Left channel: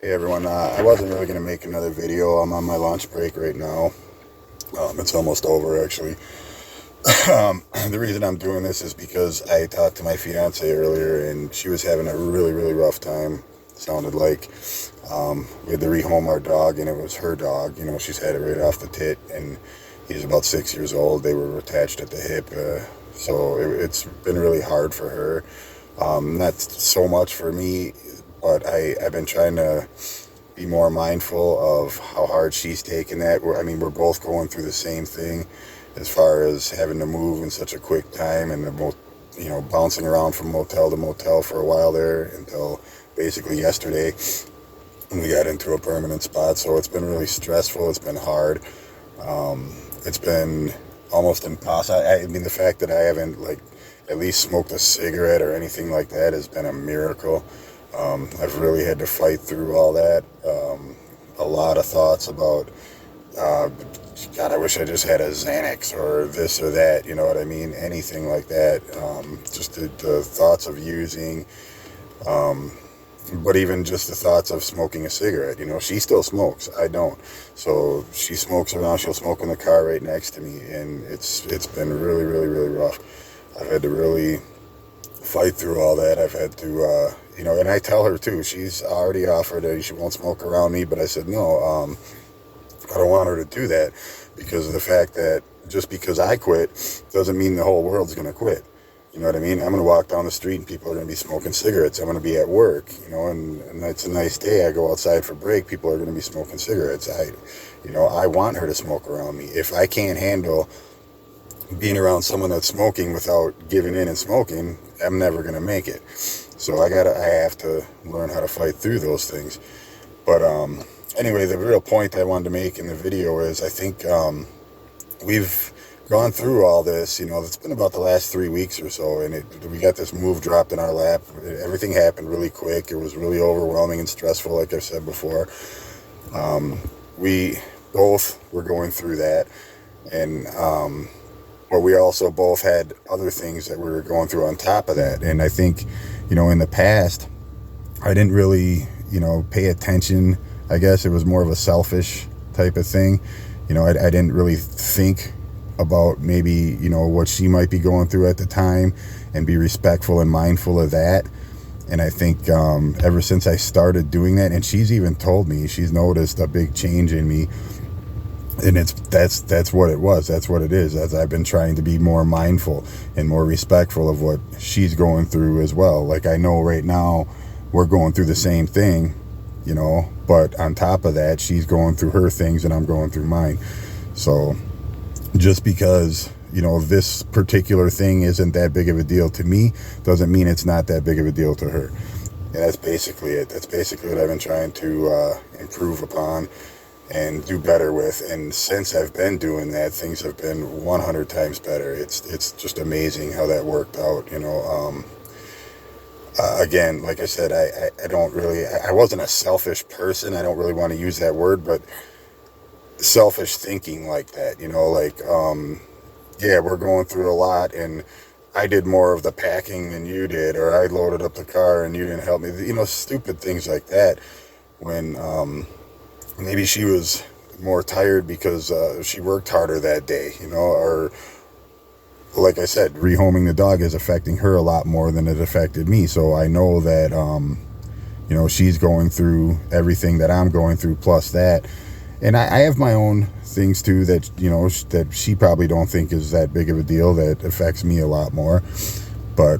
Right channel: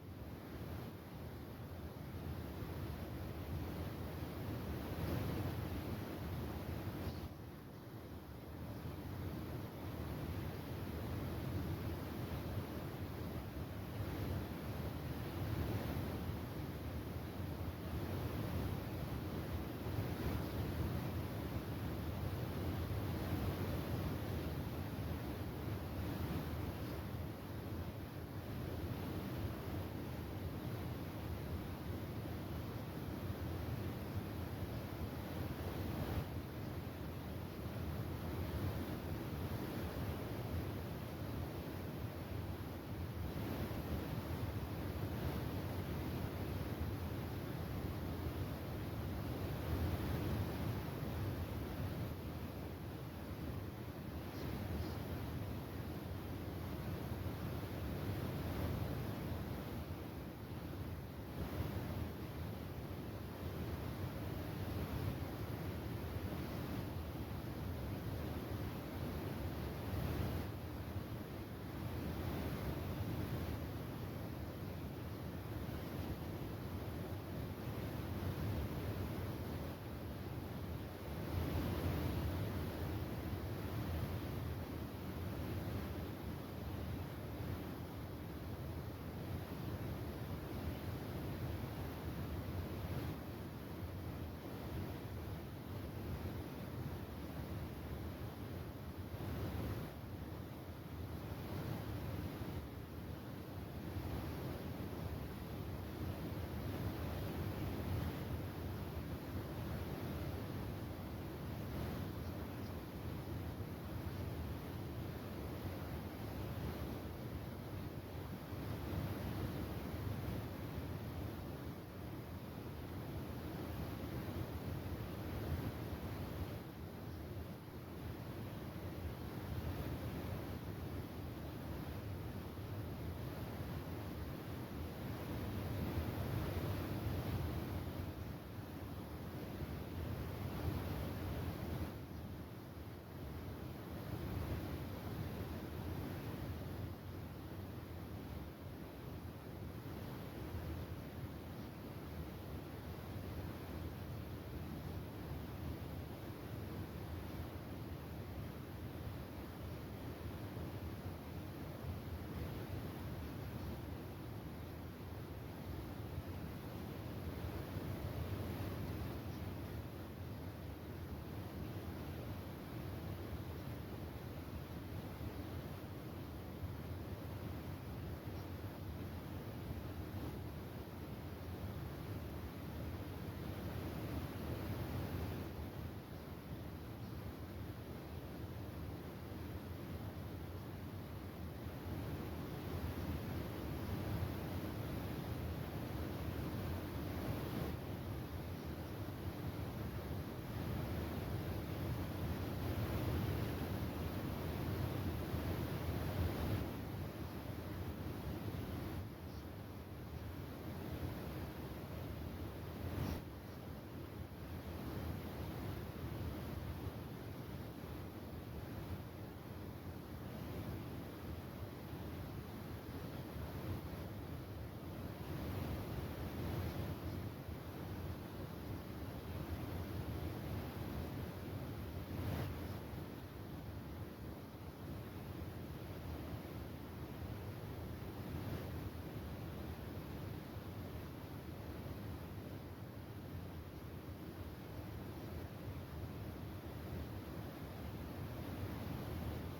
Hey everyone, I wasn't really going to make another video. I'm on my lunch break right now. It's almost over actually. The reason I'm doing this is because I talked to my fiance earlier and she was having a really rough time. Sounded like we had to rehome our dog and it was her dog. You know, she's had it right off the tit and he's about 6 years old. They were attached at the hip. So it's been really hard for her. Not so much for me, but I've been trying to be more mindful of how hard she's taken that. I mean, we're both going through the same thing as far as having to move in such a quick time and bouncing around from motel to motel for a while there until basically yesterday when we got into a permanent spot. So it's been really stressful. It's been hard. It's been almost impossible. I mean, the fact that I haven't at least smoked a cigarette or anything like that has been a miracle. I've really had to fight through all that. A lot of thoughts about, God, I wish I just had a Xanax or this or that, you know what I mean? Anything like that. Just the thoughts of using, but even just the thoughts of smoking a cigarette. You know, she still smokes. I don't. So she smokes around. She'll smoke in the car right next to me, and it's been really rough. I've had to really fight through all that. I've had to, and I tell her too. She's already offered that she won't smoke around me, but I said no. I don't want her to do that because of the fact that just because I quit doesn't mean the whole world's going to quit. You know what I mean? I'm going to walk down the street and people are going to be smoking cigarettes. I'm going to be at work, and it's a nice day. I go outside for break. People are going to be smoking cigarettes. I want her to smoke around me. If I can't handle being around someone that's smoking without giving in and smoking, I'm never going to make it. So I have to learn how to fight through those things. But anyway, the real point I wanted to make in the video is I think we've gone through all this. It's been about the last 3 weeks or so, and we got this move dropped in our lap. Everything happened really quick. It was really overwhelming and stressful, like I've said before. We both were going through that, and but we also both had other things that we were going through on top of that. And I think, in the past, I didn't really, pay attention. I guess it was more of a selfish type of thing. I didn't really think about maybe, what she might be going through at the time and be respectful and mindful of that. And I think ever since I started doing that, and she's even told me, she's noticed a big change in me. And that's what it was. That's what it is. As I've been trying to be more mindful and more respectful of what she's going through as well. Like I know right now we're going through the same thing, but on top of that, she's going through her things and I'm going through mine. So just because, this particular thing isn't that big of a deal to me doesn't mean it's not that big of a deal to her. And that's basically it. That's basically what I've been trying to improve upon and do better with. And since I've been doing that, things have been 100 times better. It's just amazing how that worked out. Again, like I said, I wasn't a selfish person. I don't really want to use that word, but selfish thinking like that, yeah, we're going through a lot and I did more of the packing than you did, or I loaded up the car and you didn't help me, stupid things like that. When maybe she was more tired because she worked harder that day, or like I said, rehoming the dog is affecting her a lot more than it affected me. So I know that, she's going through everything that I'm going through plus that. And I have my own things too that, that she probably don't think is that big of a deal that affects me a lot more. But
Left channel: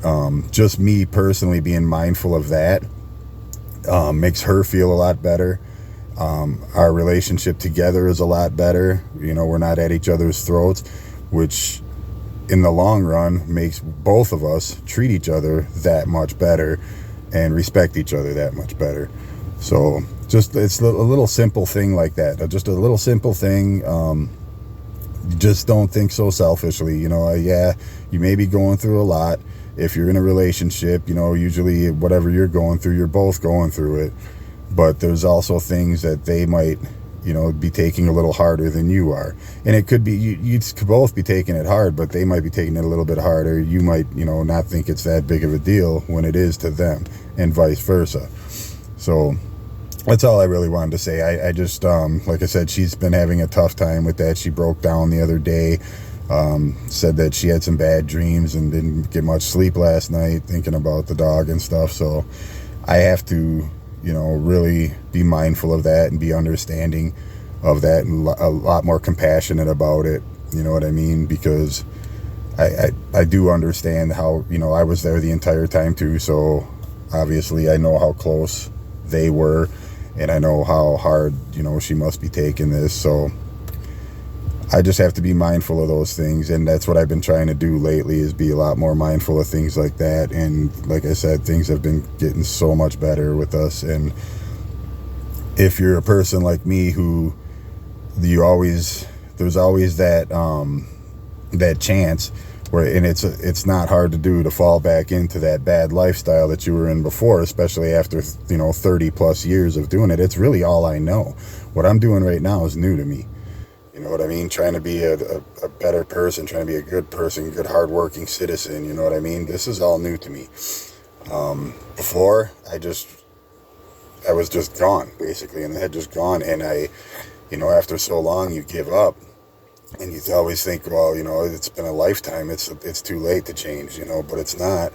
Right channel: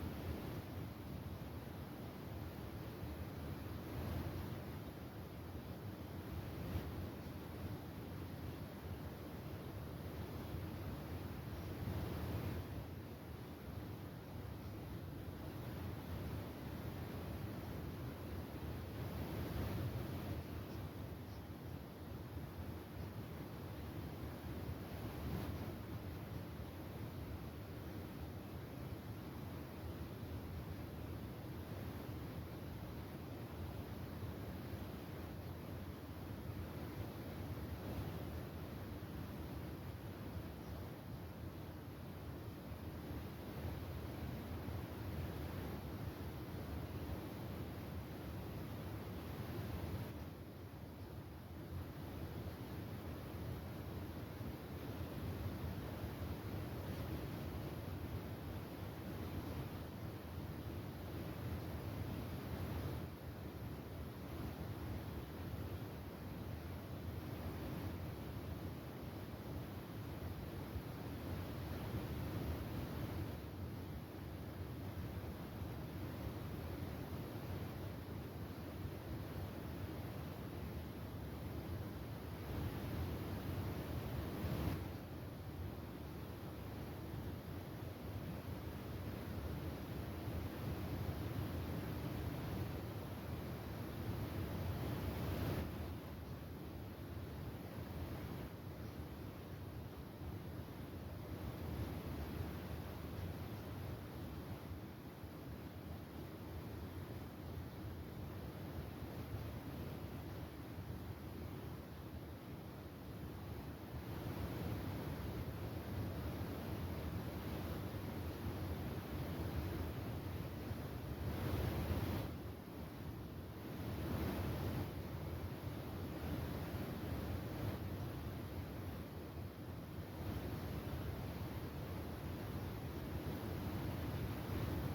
just me personally being mindful of that makes her feel a lot better. Our relationship together is a lot better. We're not at each other's throats, which in the long run makes both of us treat each other that much better and respect each other that much better. So it's a little simple thing like that. Just a little simple thing. Just don't think so selfishly. Yeah, you may be going through a lot. If you're in a relationship, usually whatever you're going through, you're both going through it. But there's also things that they might, be taking a little harder than you are. And it could be, you could both be taking it hard, but they might be taking it a little bit harder. You might, not think it's that big of a deal when it is to them, and vice versa. So that's all I really wanted to say. I just, like I said, she's been having a tough time with that. She broke down the other day, said that she had some bad dreams and didn't get much sleep last night thinking about the dog and stuff. So I have to, really be mindful of that and be understanding of that and a lot more compassionate about it. You know what I mean? Because I do understand how, I was there the entire time too. So obviously I know how close they were, and I know how hard, she must be taking this. So I just have to be mindful of those things. And that's what I've been trying to do lately, is be a lot more mindful of things like that. And like I said, things have been getting so much better with us. And if you're a person like me who there's always that chance where, and it's not hard to do, to fall back into that bad lifestyle that you were in before, especially after 30 plus years of doing it. It's really all I know. What I'm doing right now is new to me. You know what I mean? Trying to be a better person, trying to be a good person, good hardworking citizen. You know what I mean? This is all new to me. Before, I was just gone, basically, and I had just gone, and after so long, you give up. And you always think, well, it's been a lifetime. It's too late to change, but it's not.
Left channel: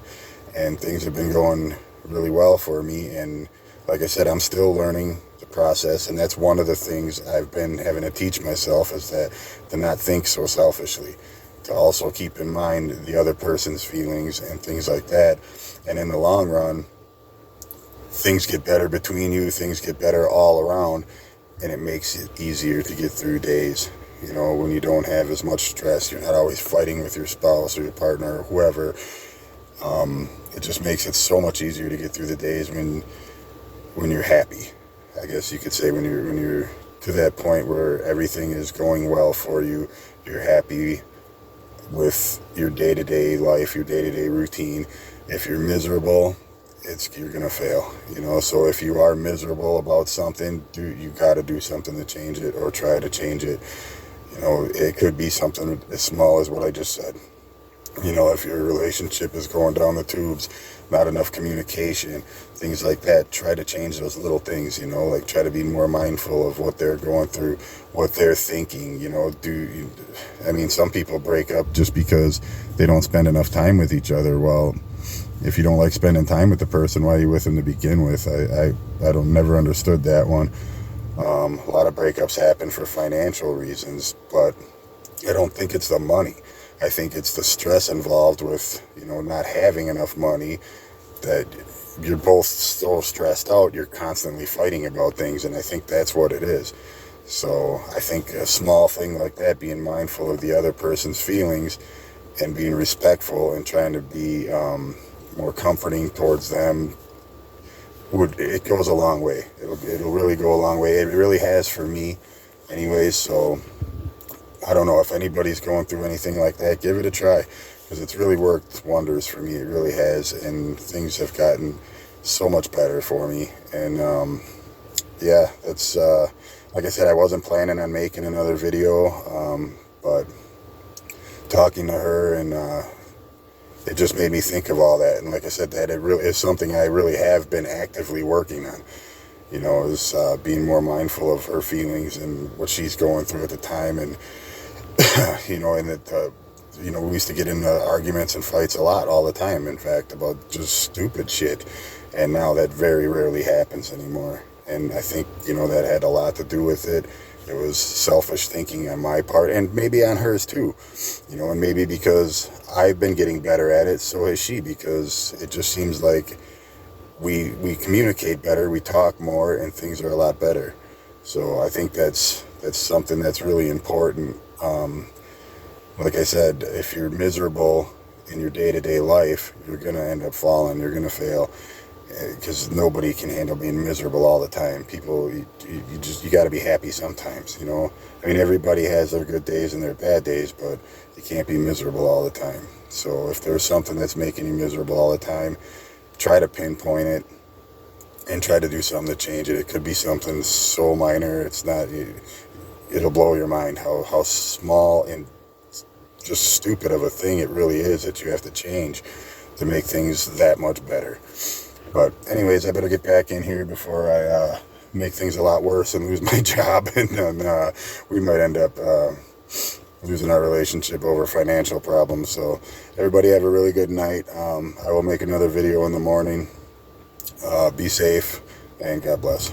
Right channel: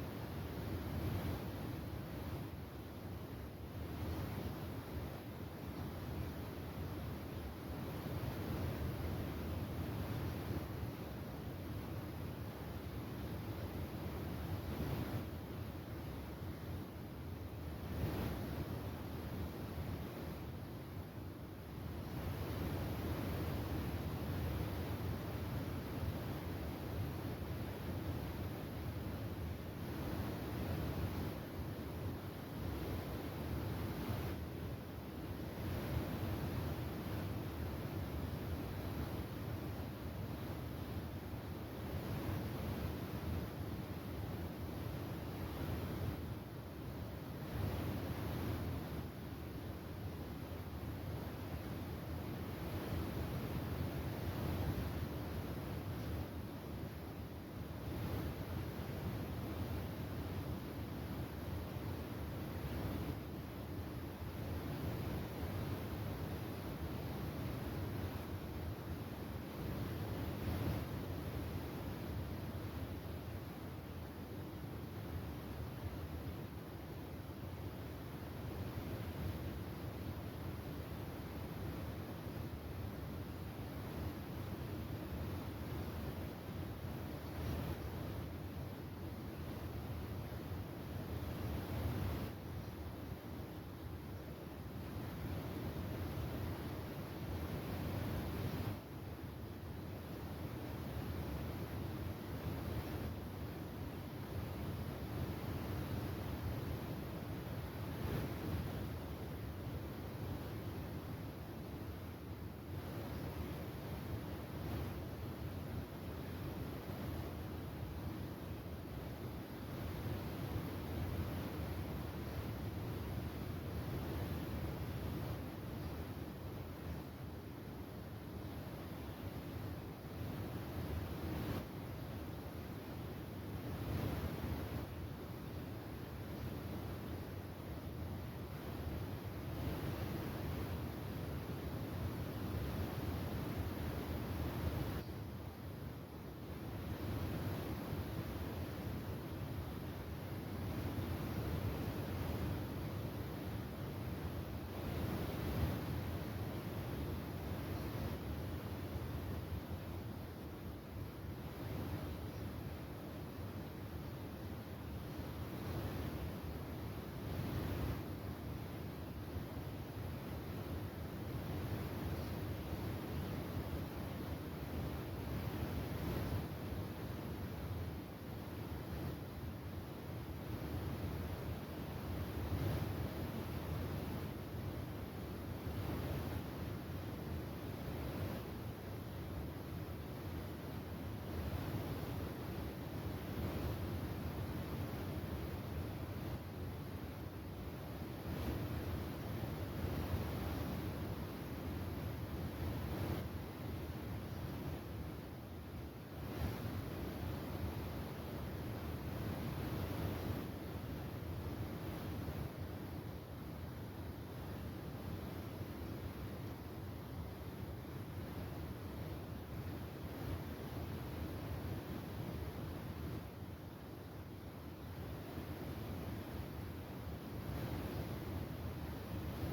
And things have been going really well for me. And like I said, I'm still learning the process. And that's one of the things I've been having to teach myself, is that to not think so selfishly, to also keep in mind the other person's feelings and things like that. And in the long run, things get better between you. Things get better all around. And it makes it easier to get through days. When you don't have as much stress, you're not always fighting with your spouse or your partner or whoever. It just makes it so much easier to get through the days when you're happy. I guess you could say when you're to that point where everything is going well for you, you're happy with your day-to-day life, your day-to-day routine. If you're miserable, you're gonna fail. So if you are miserable about something, you got to do something to change it, or try to change it. It could be something as small as what I just said. If your relationship is going down the tubes, not enough communication, things like that, try to change those little things, like try to be more mindful of what they're going through, what they're thinking. Some people break up just because they don't spend enough time with each other. Well, if you don't like spending time with the person, why are you with them to begin with? I don't never understood that one. A lot of breakups happen for financial reasons, but I don't think it's the money. I think it's the stress involved with, not having enough money, that you're both so stressed out, you're constantly fighting about things, and I think that's what it is. So I think a small thing like that, being mindful of the other person's feelings and being respectful and trying to be more comforting towards them, it goes a long way. It'll really go a long way. It really has for me anyways. So I don't know if anybody's going through anything like that, give it a try, because it's really worked wonders for me. It really has, and things have gotten so much better for me. And that's like I said, I wasn't planning on making another video, but talking to her, and it just made me think of all that. And like I said, that it really is something I really have been actively working on, is being more mindful of her feelings and what she's going through at the time. And and that we used to get into arguments and fights a lot, all the time, in fact, about just stupid shit. And now that very rarely happens anymore. And I think, that had a lot to do with it. It was selfish thinking on my part, and maybe on hers too, and maybe because I've been getting better at it, so has she, because it just seems like we communicate better, we talk more, and things are a lot better. So I think that's something that's really important. Like I said, if you're miserable in your day-to-day life, you're going to end up falling, you're going to fail, because nobody can handle being miserable all the time. People, you got to be happy sometimes, everybody has their good days and their bad days, but you can't be miserable all the time. So if there's something that's making you miserable all the time, try to pinpoint it and try to do something to change it. It could be something so minor, it'll blow your mind how small and just stupid of a thing it really is that you have to change to make things that much better. But anyways, I better get back in here before I make things a lot worse and lose my job, and then we might end up losing our relationship over financial problems. So everybody have a really good night. I will make another video in the morning. Be safe, and God bless.